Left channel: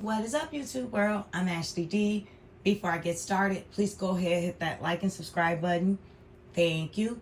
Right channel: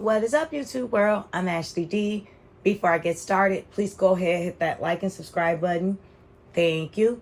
What is up, YouTube world? I'm Ashley D. Before I get started, please go ahead and hit that like and subscribe button. Thank you.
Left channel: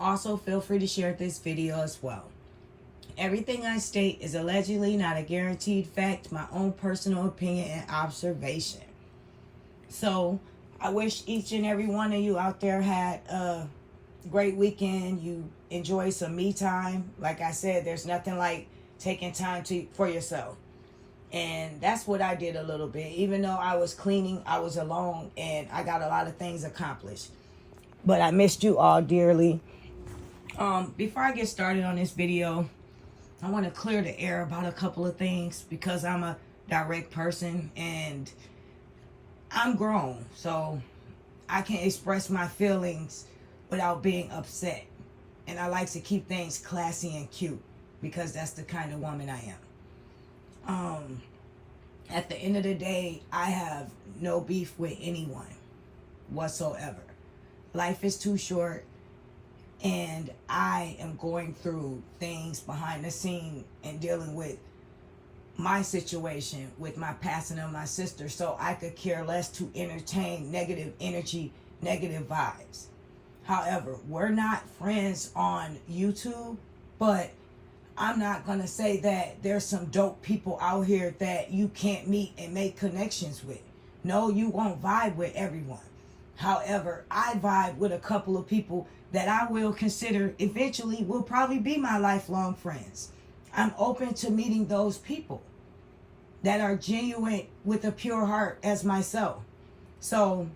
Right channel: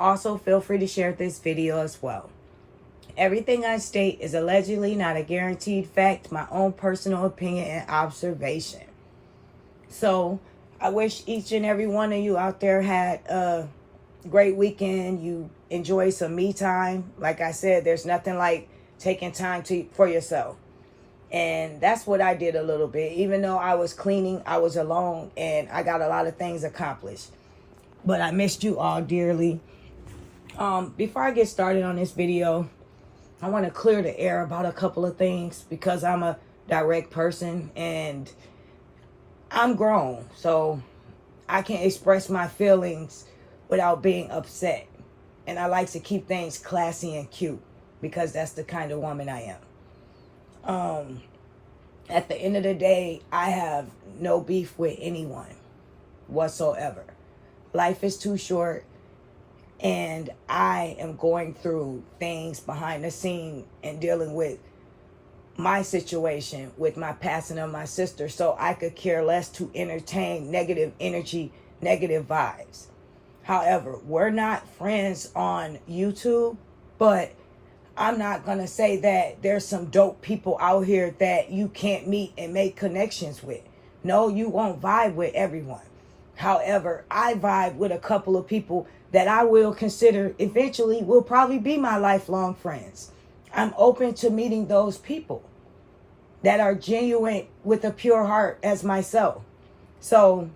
Also, feel free to share this video as well. Everything I state is allegedly not a guaranteed fact, my own personal opinion and observation. So, I wish each and every one of you out there had a great weekend. You enjoy some me time. Like I said, there's nothing like taking time for yourself. And that's what I did a little bit. Even though I was cleaning, I was alone, and I got a lot of things accomplished. But I missed you all dearly. Before I get started on this video, I want to clear the air about a couple of things because I'm a direct person and I'm grown. So I can express my feelings without being upset. And I like to keep things classy and cute because that's the kind of woman I am. At the end of the day, I have no beef with anyone whatsoever. Life is too short, and I am going through things behind the scene and dealing with my situation with my passing of my sister, so I could care less to entertain negative energy, negative vibes. However, we're not friends on YouTube, but I'm not going to say that there's some dope people out here that you can't meet and make connections with. No, you won't vibe with everyone. However, I vibe with a couple of people that I will consider eventually will probably be my lifelong friends. I'm open to meeting those people that are genuine with a pure heart as myself. So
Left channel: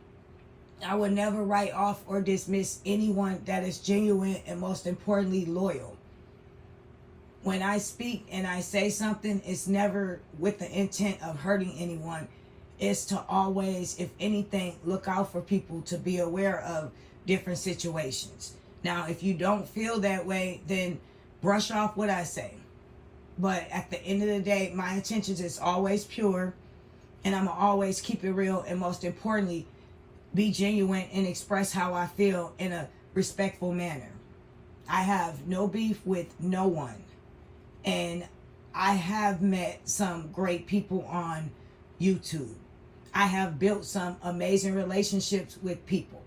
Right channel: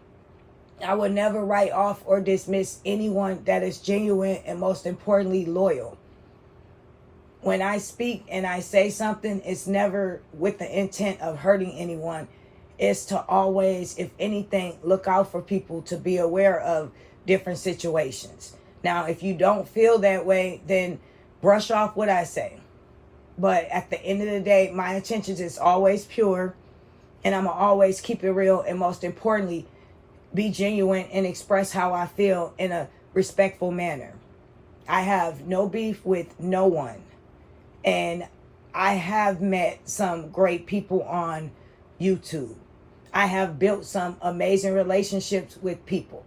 I would never write off or dismiss anyone that is genuine and most importantly loyal. When I speak and I say something, it's never with the intent of hurting anyone. It's to always, if anything, look out for people, to be aware of different situations. Now, if you don't feel that way, then brush off what I say. But at the end of the day, my intentions is always pure, and I'm going to always keep it real, and most importantly, be genuine and express how I feel in a respectful manner. I have no beef with no one. And I have met some great people on YouTube. I have built some amazing relationships with people.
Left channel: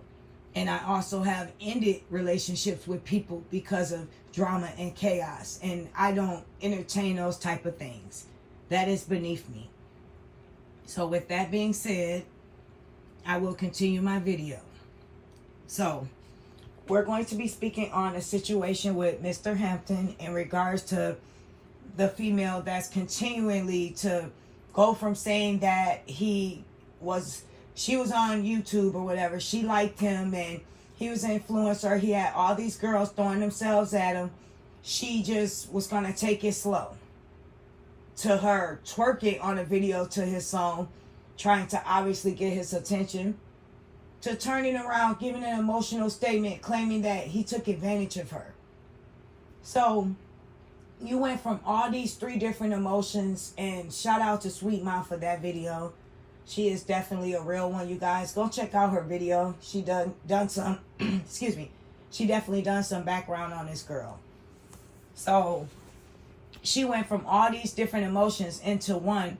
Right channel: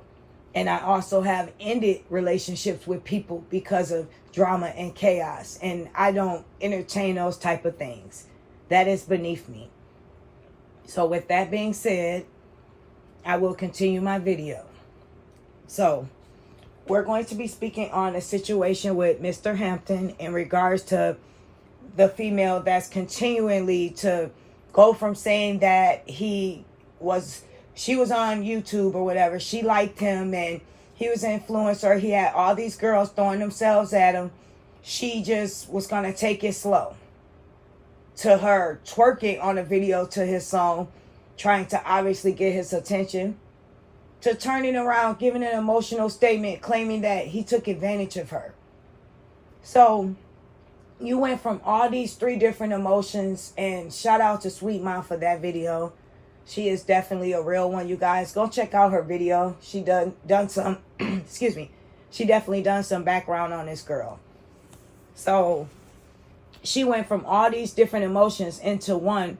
And I also have ended relationships with people because of drama and chaos. And I don't entertain those type of things. That is beneath me. So with that being said, I will continue my video. So we're going to be speaking on a situation with Mr. Hampton in regards to the female that's continually to go from saying that she was on YouTube or whatever. She liked him and he was an influencer. He had all these girls throwing themselves at him. She just was going to take it slow. To her twerking on a video to his song, trying to obviously get his attention. To turning around, giving an emotional statement, claiming that he took advantage of her. So you went from all these three different emotions, and shout out to Sweet Mouth for that video. She is definitely a real one, you guys. Go check out her video. She done some, excuse me. She definitely done some background on this girl. So she went from all these different emotions into one,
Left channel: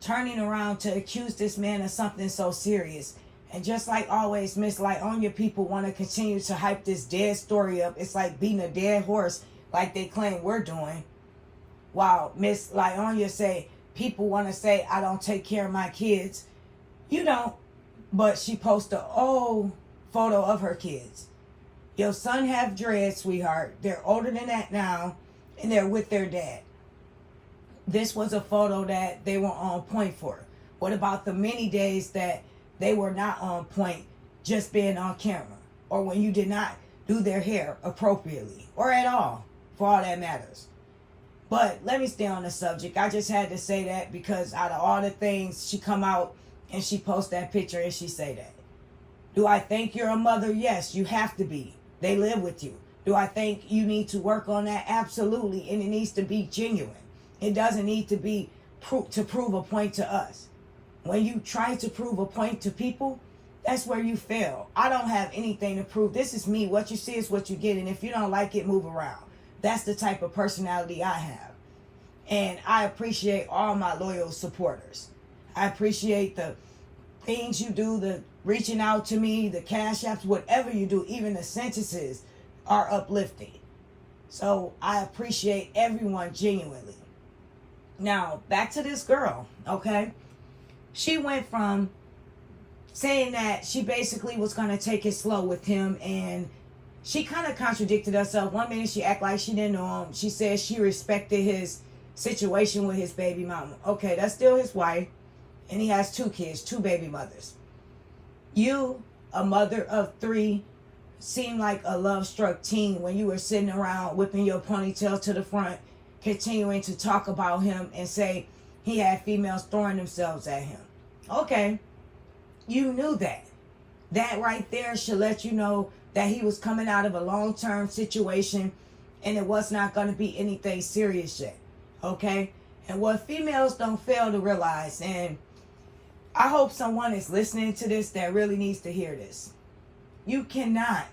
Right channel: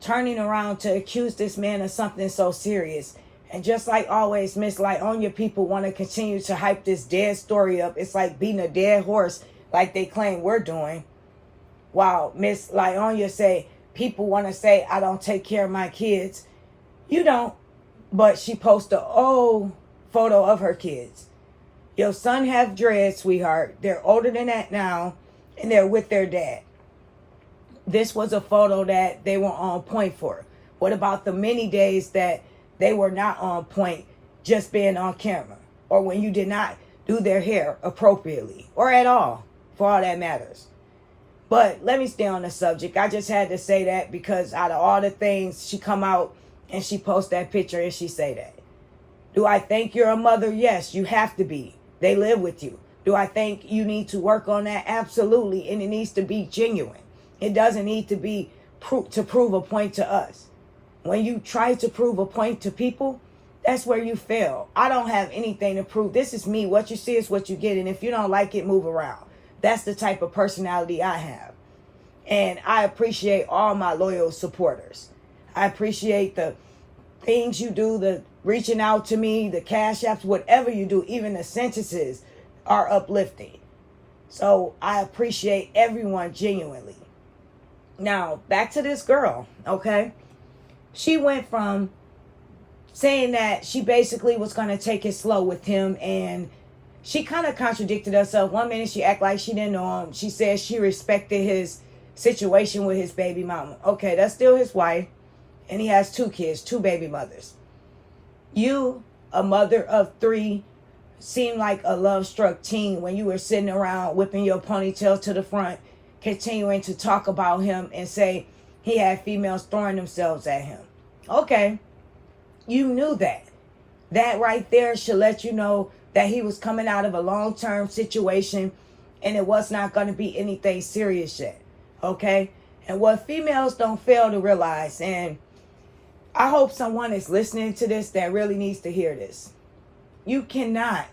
turning around to accuse this man of something so serious. And just like always, Miss Lieonya people want to continue to hype this dead story up. It's like beating a dead horse, like they claim we're doing. While Miss Lieonya say, people want to say, I don't take care of my kids. You don't. But she posts an old photo of her kids. Your son have dreads, sweetheart. They're older than that now, and they're with their dad. This was a photo that they were on point for. What about the many days that they were not on point, just being on camera? Or when you did not do their hair appropriately, or at all, for all that matters. But let me stay on the subject. I just had to say that because out of all the things, she come out and she post that picture and she say that. Do I think you're a mother? Yes, you have to be. They live with you. Do I think you need to work on that? Absolutely. And it needs to be genuine. It doesn't need to be to prove a point to us. When you try to prove a point to people, that's where you fail. I don't have anything to prove. This is me. What you see is what you get. And if you don't like it, move around. That's the type of personality I have. And I appreciate all my loyal supporters. I appreciate the things you do, the reaching out to me, the cash apps, whatever you do, even the sentences are uplifting. So I appreciate everyone genuinely. Now, back to this girl, okay? She went from saying that she basically was going to take it slow with him, and she kind of contradicted herself. One minute she acted like she didn't know him. She said she respected his situation with his baby mama. Okay, that's still his wife, and he has 2 kids, 2 baby mothers. You, a mother of 3, seemed like a love-struck teen when you were sitting around whipping your ponytail to the front, continuing to talk about him and say he had females throwing themselves at him. Okay, you knew that. That right there should let you know that he was coming out of a long-term situation and it was not going to be anything serious yet. Okay? And what females don't fail to realize, and I hope someone is listening to this that really needs to hear this. You cannot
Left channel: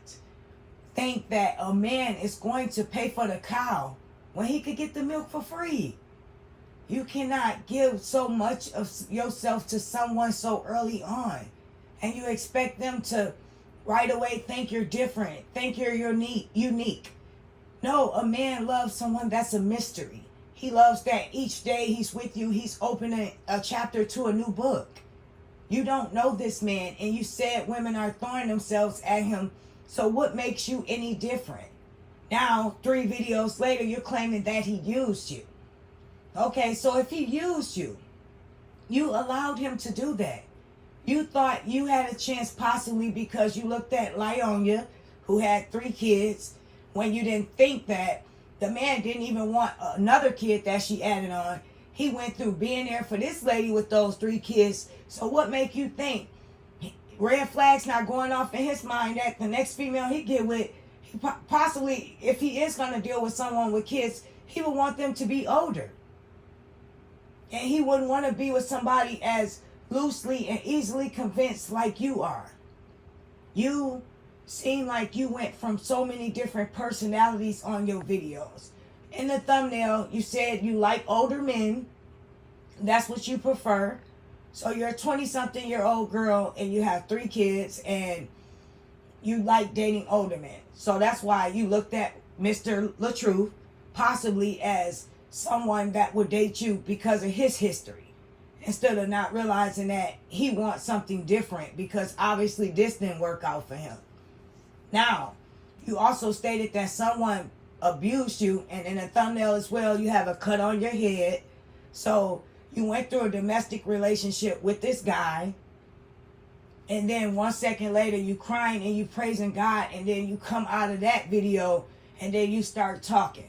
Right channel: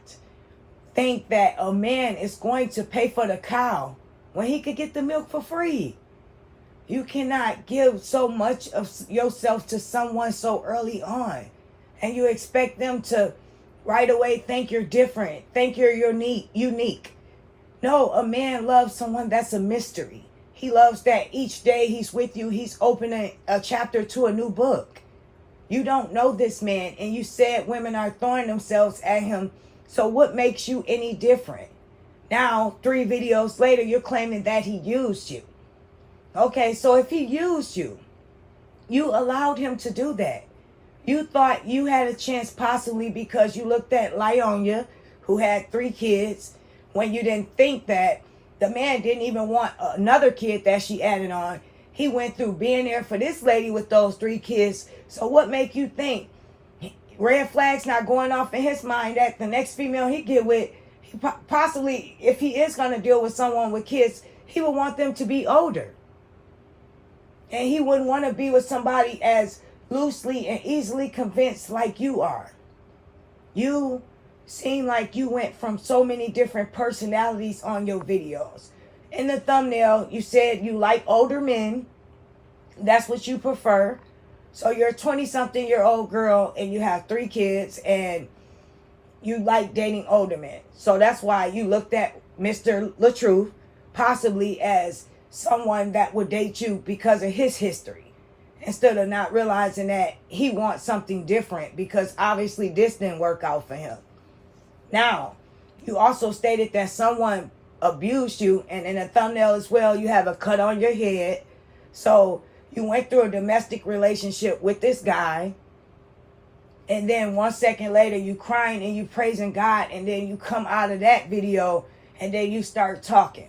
think that a man is going to pay for the cow when he could get the milk for free. You cannot give so much of yourself to someone so early on, and you expect them to right away think you're different, think you're unique. No, a man loves someone that's a mystery. He loves that each day he's with you, he's opening a chapter to a new book. You don't know this man, and you said women are throwing themselves at him. So what makes you any different? Now, 3 videos later, you're claiming that he used you. Okay, so if he used you, you allowed him to do that. You thought you had a chance possibly because you looked at Lieonya, who had 3 kids, when you didn't think that the man didn't even want another kid that she added on. He went through being there for this lady with those 3 kids. So what make you think red flags not going off in his mind that the next female he get with, he possibly, if he is going to deal with someone with kids, he would want them to be older. And he wouldn't want to be with somebody as loosely and easily convinced like you are. You seem like you went from so many different personalities on your videos. In the thumbnail, you said you like older men. That's what you prefer. So you're a 20-something-year-old girl and you have 3 kids and you like dating older men. So that's why you looked at Mr. LaTruth possibly as someone that would date you because of his history, instead of not realizing that he wants something different because obviously this didn't work out for him. Now, you also stated that someone abused you, and in a thumbnail as well, you have a cut on your head. So you went through a domestic relationship with this guy, and then 1 second later you crying and you praising God, and then you come out of that video and then you start talking.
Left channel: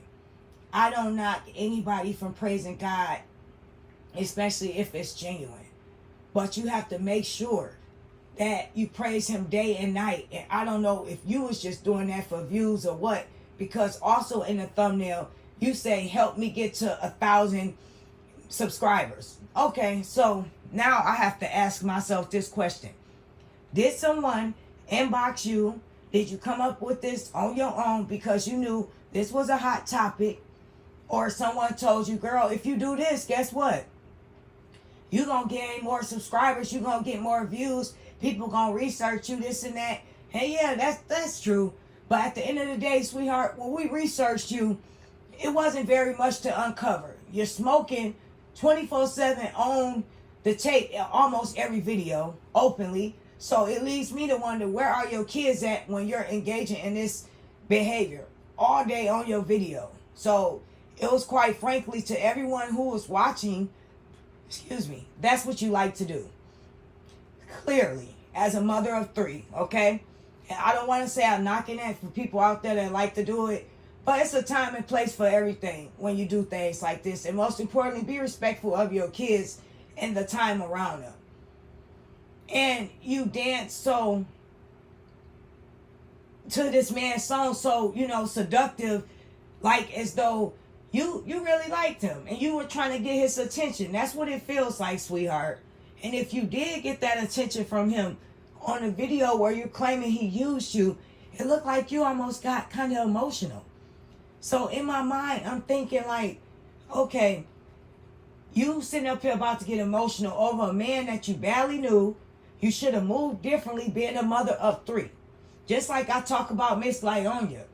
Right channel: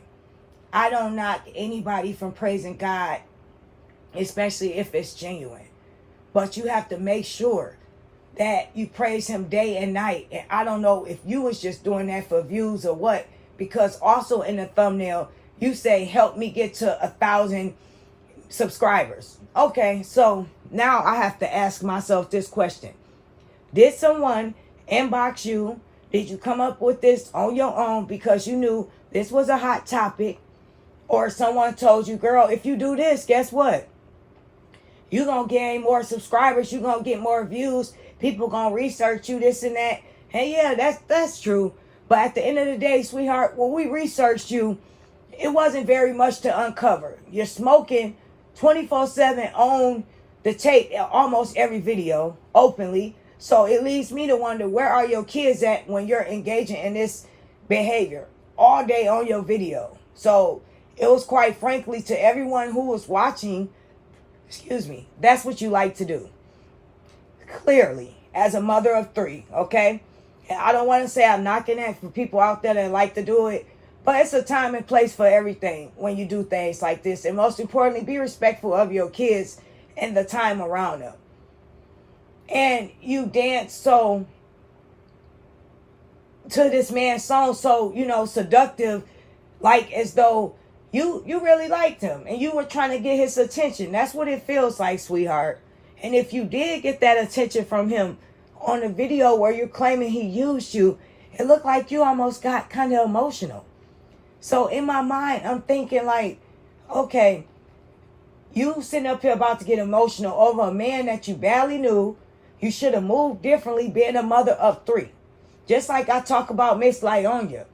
I don't knock anybody from praising God, especially if it's genuine. But you have to make sure that you praise him day and night. And I don't know if you was just doing that for views or what, because also in the thumbnail, you say, help me get to 1,000 subscribers. Okay, so now I have to ask myself this question. Did someone inbox you? Did you come up with this on your own because you knew this was a hot topic? Or someone told you, girl, if you do this, guess what? You're going to gain more subscribers. You're going to get more views. People going to research you, this and that. And yeah, that's true. But at the end of the day, sweetheart, when we researched you, it wasn't very much to uncover. You're smoking 24/7 on the tape, almost every video, openly. So it leads me to wonder, where are your kids at when you're engaging in this behavior all day on your video? So it was, quite frankly, to everyone who was watching, that's what you like to do. Clearly, as a mother of 3, okay? And I don't want to say I'm knocking that for people out there that like to do it, but it's a time and place for everything when you do things like this. And most importantly, be respectful of your kids and the time around them. And you dance so to this man's song, so, seductive, like as though you really liked him and you were trying to get his attention. That's what it feels like, sweetheart. And if you did get that attention from him on a video where you're claiming he used you, it looked like you almost got kind of emotional. So in my mind, I'm thinking like, okay, You sitting up here about to get emotional over a man that you barely knew. You should have moved differently being a mother of 3. Just like I talk about Miss Lieonya.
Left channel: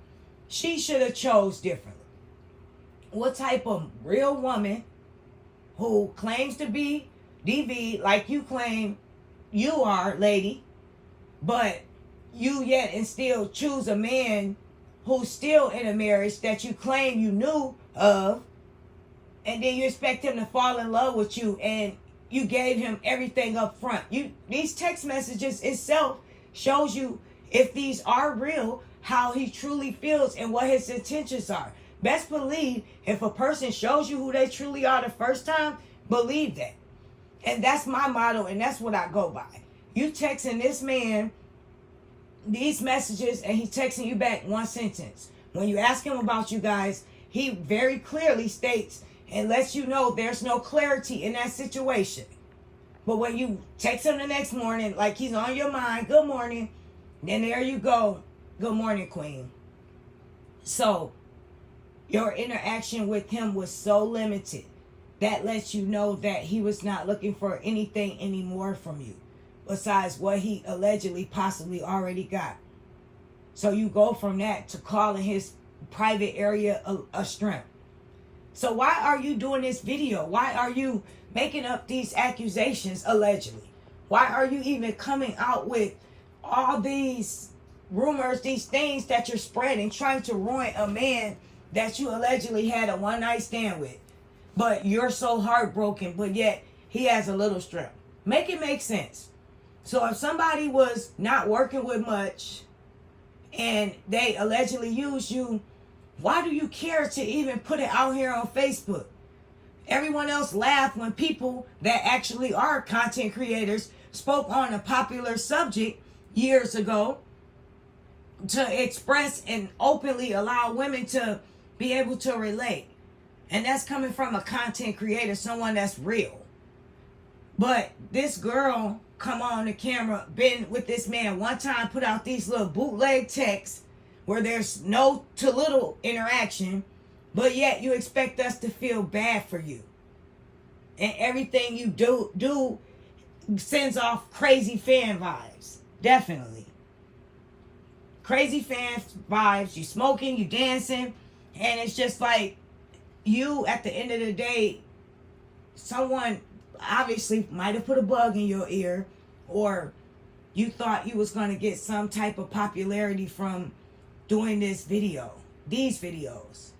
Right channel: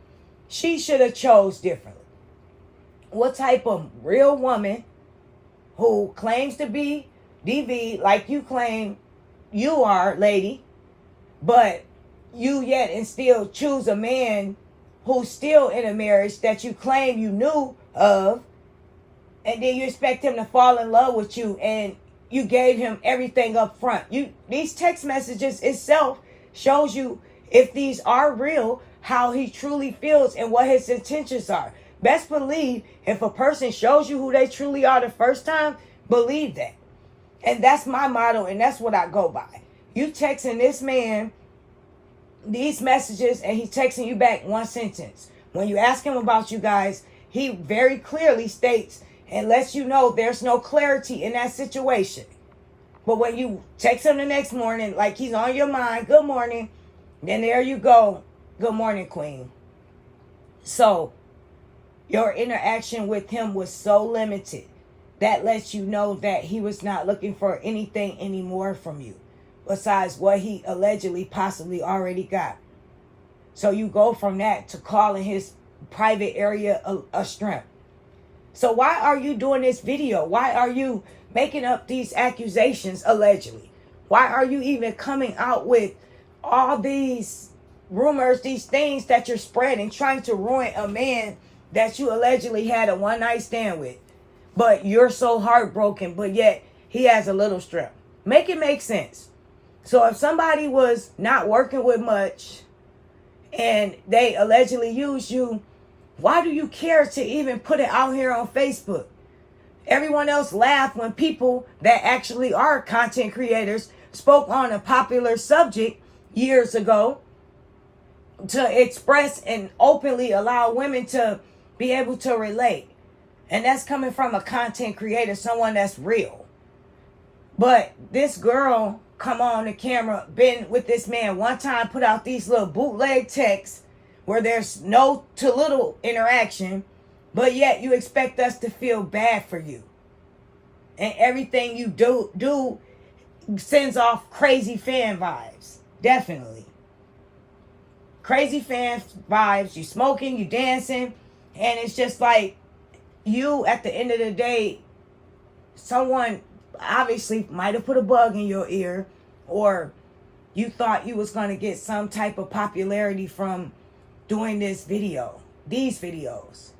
She should have chose differently. What type of real woman who claims to be DV like you claim you are, lady, but you yet and still choose a man who's still in a marriage that you claim you knew of, and then you expect him to fall in love with you, and you gave him everything up front. These text messages itself shows you if these are real, how he truly feels and what his intentions are. Best believe if a person shows you who they truly are the first time, believe that. And that's my motto, and that's what I go by. You texting this man these messages, and he's texting you back one sentence. When you ask him about you guys, he very clearly states and lets you know there's no clarity in that situation. But when you text him the next morning, like he's on your mind, good morning, then there you go, good morning, queen. So your interaction with him was so limited. That lets you know that he was not looking for anything anymore from you besides what he allegedly possibly already got. So you go from that to calling his private area a strength. So why are you doing this video? Why are you making up these accusations allegedly? Why are you even coming out with all these rumors, these things that you're spreading, trying to ruin a man that you allegedly had a one-night stand with? But you're so heartbroken, but yet he has a little strength. Make it make sense. So if somebody was not working with much and they allegedly used you, why do you care to even put it out here on Facebook? Everyone else laughed when people that actually are content creators spoke on a popular subject years ago to express and openly allow women to be able to relate. And that's coming from a content creator, someone that's real. But this girl come on the camera, been with this man one time, put out these little bootleg texts where there's no to little interaction, but yet you expect us to feel bad for you. And everything you do sends off crazy fan vibes. Definitely. Crazy fan vibes. You smoking, you dancing, and it's just like you, at the end of the day, someone obviously might have put a bug in your ear, or you thought you was going to get some type of popularity from doing this video, these videos.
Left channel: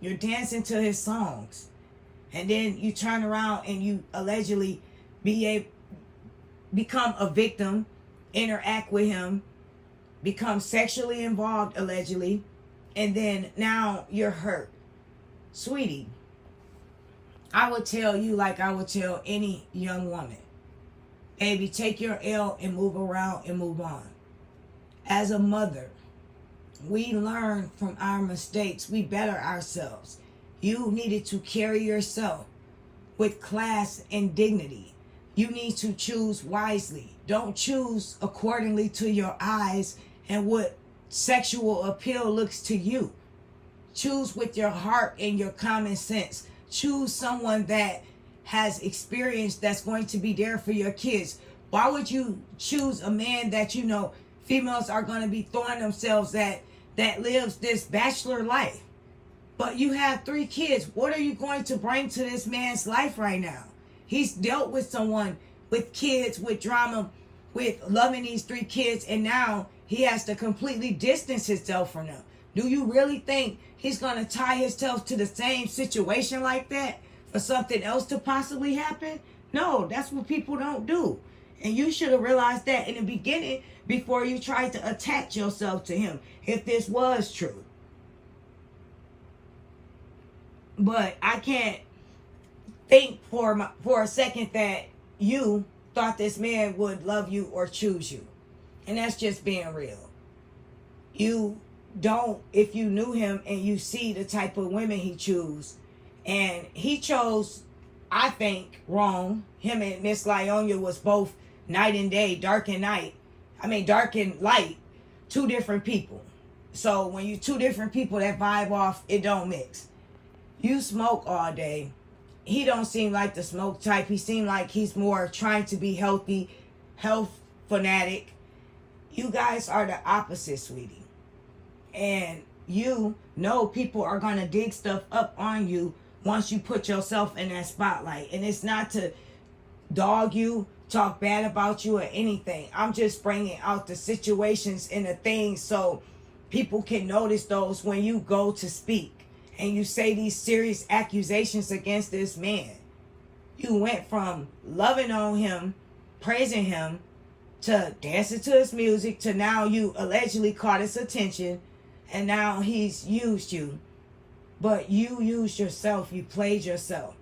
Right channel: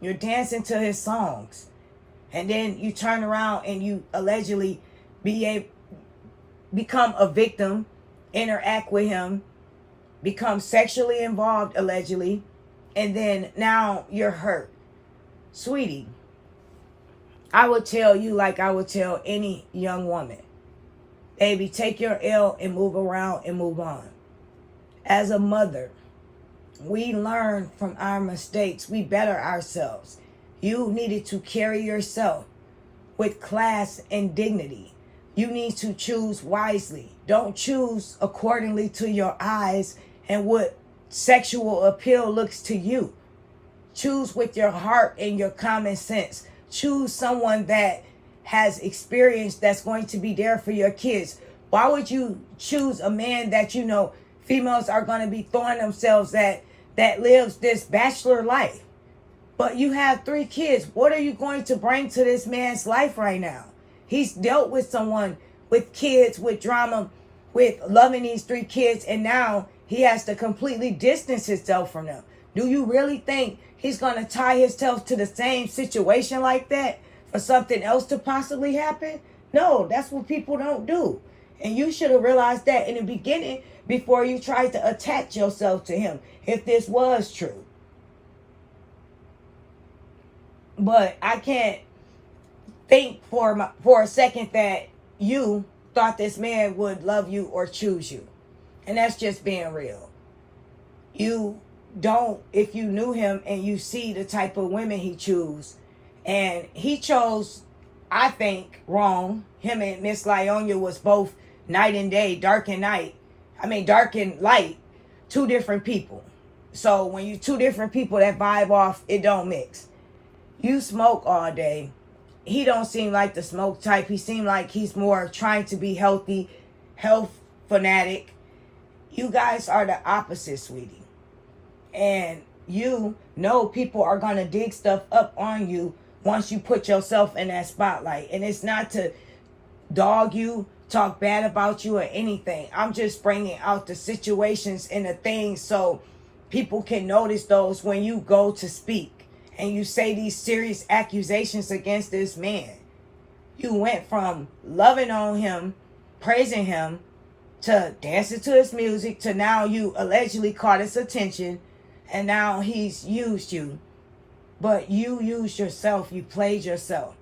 You're dancing to his songs, and then you turn around and you allegedly become a victim, interact with him, become sexually involved allegedly, and then now you're hurt. Sweetie, I would tell you like I would tell any young woman, baby, take your L and move around and move on. As a mother, we learn from our mistakes. We better ourselves. You needed to carry yourself with class and dignity. You need to choose wisely. Don't choose accordingly to your eyes and what sexual appeal looks to you. Choose with your heart and your common sense. Choose someone that has experience that's going to be there for your kids. Why would you choose a man that you know females are going to be throwing themselves at, that lives this bachelor life? But you have 3 kids. What are you going to bring to this man's life right now? He's dealt with someone with kids, with drama, with loving these 3 kids, and now he has to completely distance himself from them. Do you really think he's going to tie himself to the same situation like that for something else to possibly happen? No, that's what people don't do. And you should have realized that in the beginning before you tried to attach yourself to him, if this was true. But I can't think for a second that you thought this man would love you or choose you. And that's just being real. You don't, if you knew him and you see the type of women he chose, and he chose, I think, wrong. Him and Miss Lieonya was both night and day, dark and night. I mean, dark and light, 2 different people. So when you 2 different people that vibe off, it don't mix. You smoke all day. he don't seem like the smoke type. He seemed like he's more trying to be healthy, health fanatic. You guys are the opposite, sweetie. And you know people are going to dig stuff up on you once you put yourself in that spotlight. And it's not to dog you, talk bad about you, or anything. I'm just bringing out the situations and the things so people can notice those when you go to speak and you say these serious accusations against this man. You went from loving on him, praising him, to dancing to his music, to now you allegedly caught his attention, and now he's used you. But you used yourself. You played yourself.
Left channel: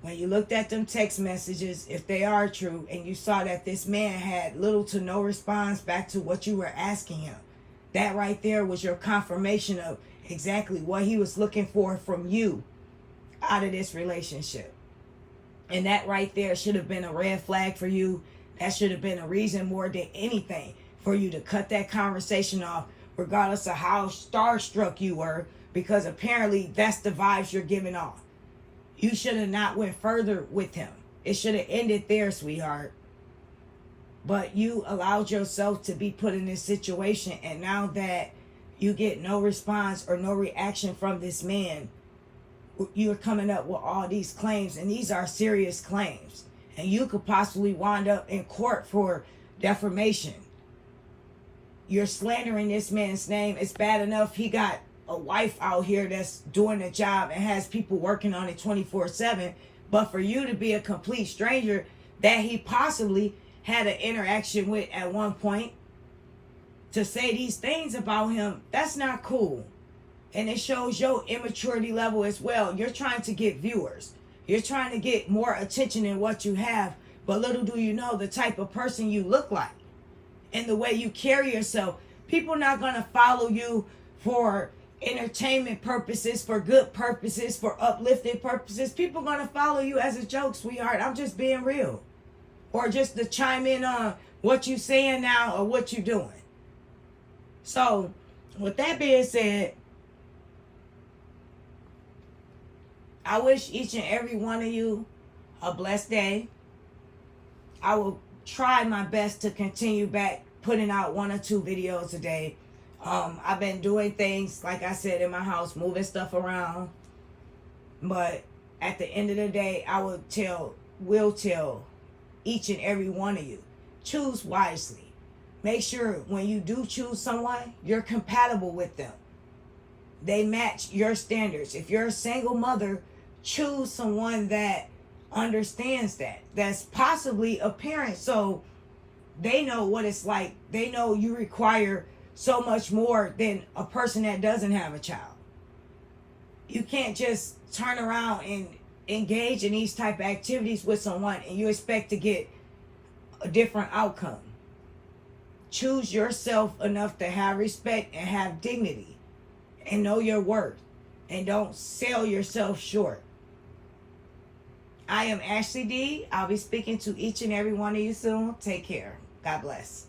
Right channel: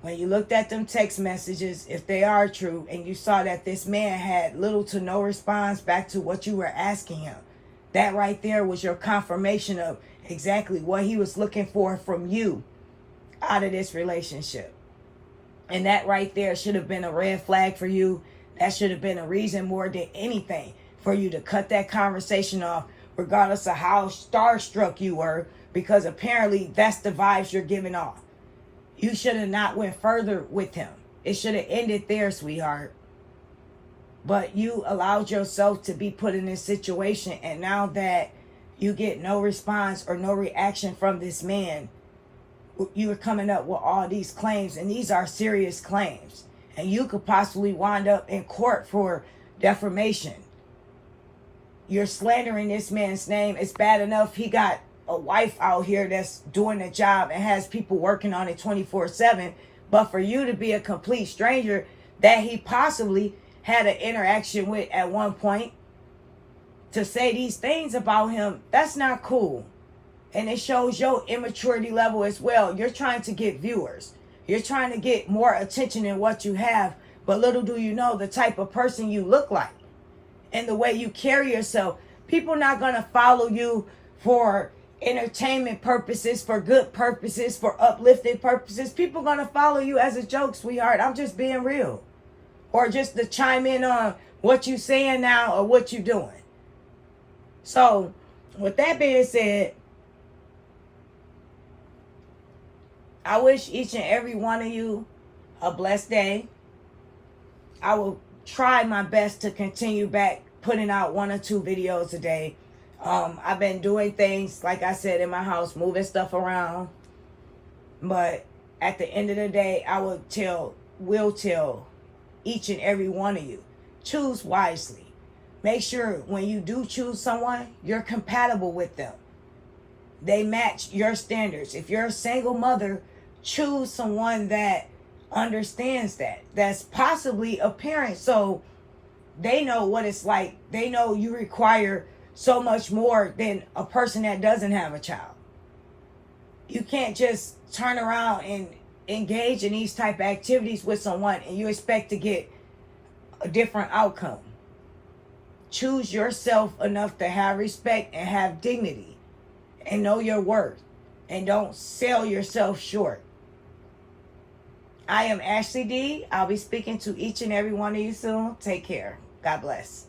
When you looked at them text messages, if they are true, and you saw that this man had little to no response back to what you were asking him, that right there was your confirmation of exactly what he was looking for from you out of this relationship. And that right there should have been a red flag for you. That should have been a reason more than anything for you to cut that conversation off, regardless of how starstruck you were, because apparently that's the vibes you're giving off. You should have not went further with him. It should have ended there, sweetheart. But you allowed yourself to be put in this situation, and now that you get no response or no reaction from this man, you're coming up with all these claims, and these are serious claims. And you could possibly wind up in court for defamation. You're slandering this man's name. It's bad enough he got a wife out here that's doing the job and has people working on it 24/7. But for you to be a complete stranger that he possibly had an interaction with at one point, to say these things about him, that's not cool. And it shows your immaturity level as well. You're trying to get viewers. You're trying to get more attention than what you have. But little do you know the type of person you look like and the way you carry yourself. People not going to follow you for entertainment purposes, for good purposes, for uplifting purposes. People going to follow you as a joke, sweetheart. I'm just being real. Or just to chime in on what you saying now or what you doing. So, with that being said, I wish each and every one of you a blessed day. I will try my best to continue back putting out 1 or 2 videos a day. I've been doing things, like I said, in my house, moving stuff around. But at the end of the day, I will tell each and every one of you, choose wisely. Make sure when you do choose someone, you're compatible with them. They match your standards. If you're a single mother, choose someone that understands that. That's possibly a parent, so they know what it's like. They know you require so much more than a person that doesn't have a child. You can't just turn around and engage in these type of activities with someone and you expect to get a different outcome. Choose yourself enough to have respect and have dignity and know your worth, and don't sell yourself short. I am Ashley D. I'll be speaking to each and every one of you soon. Take care. God bless.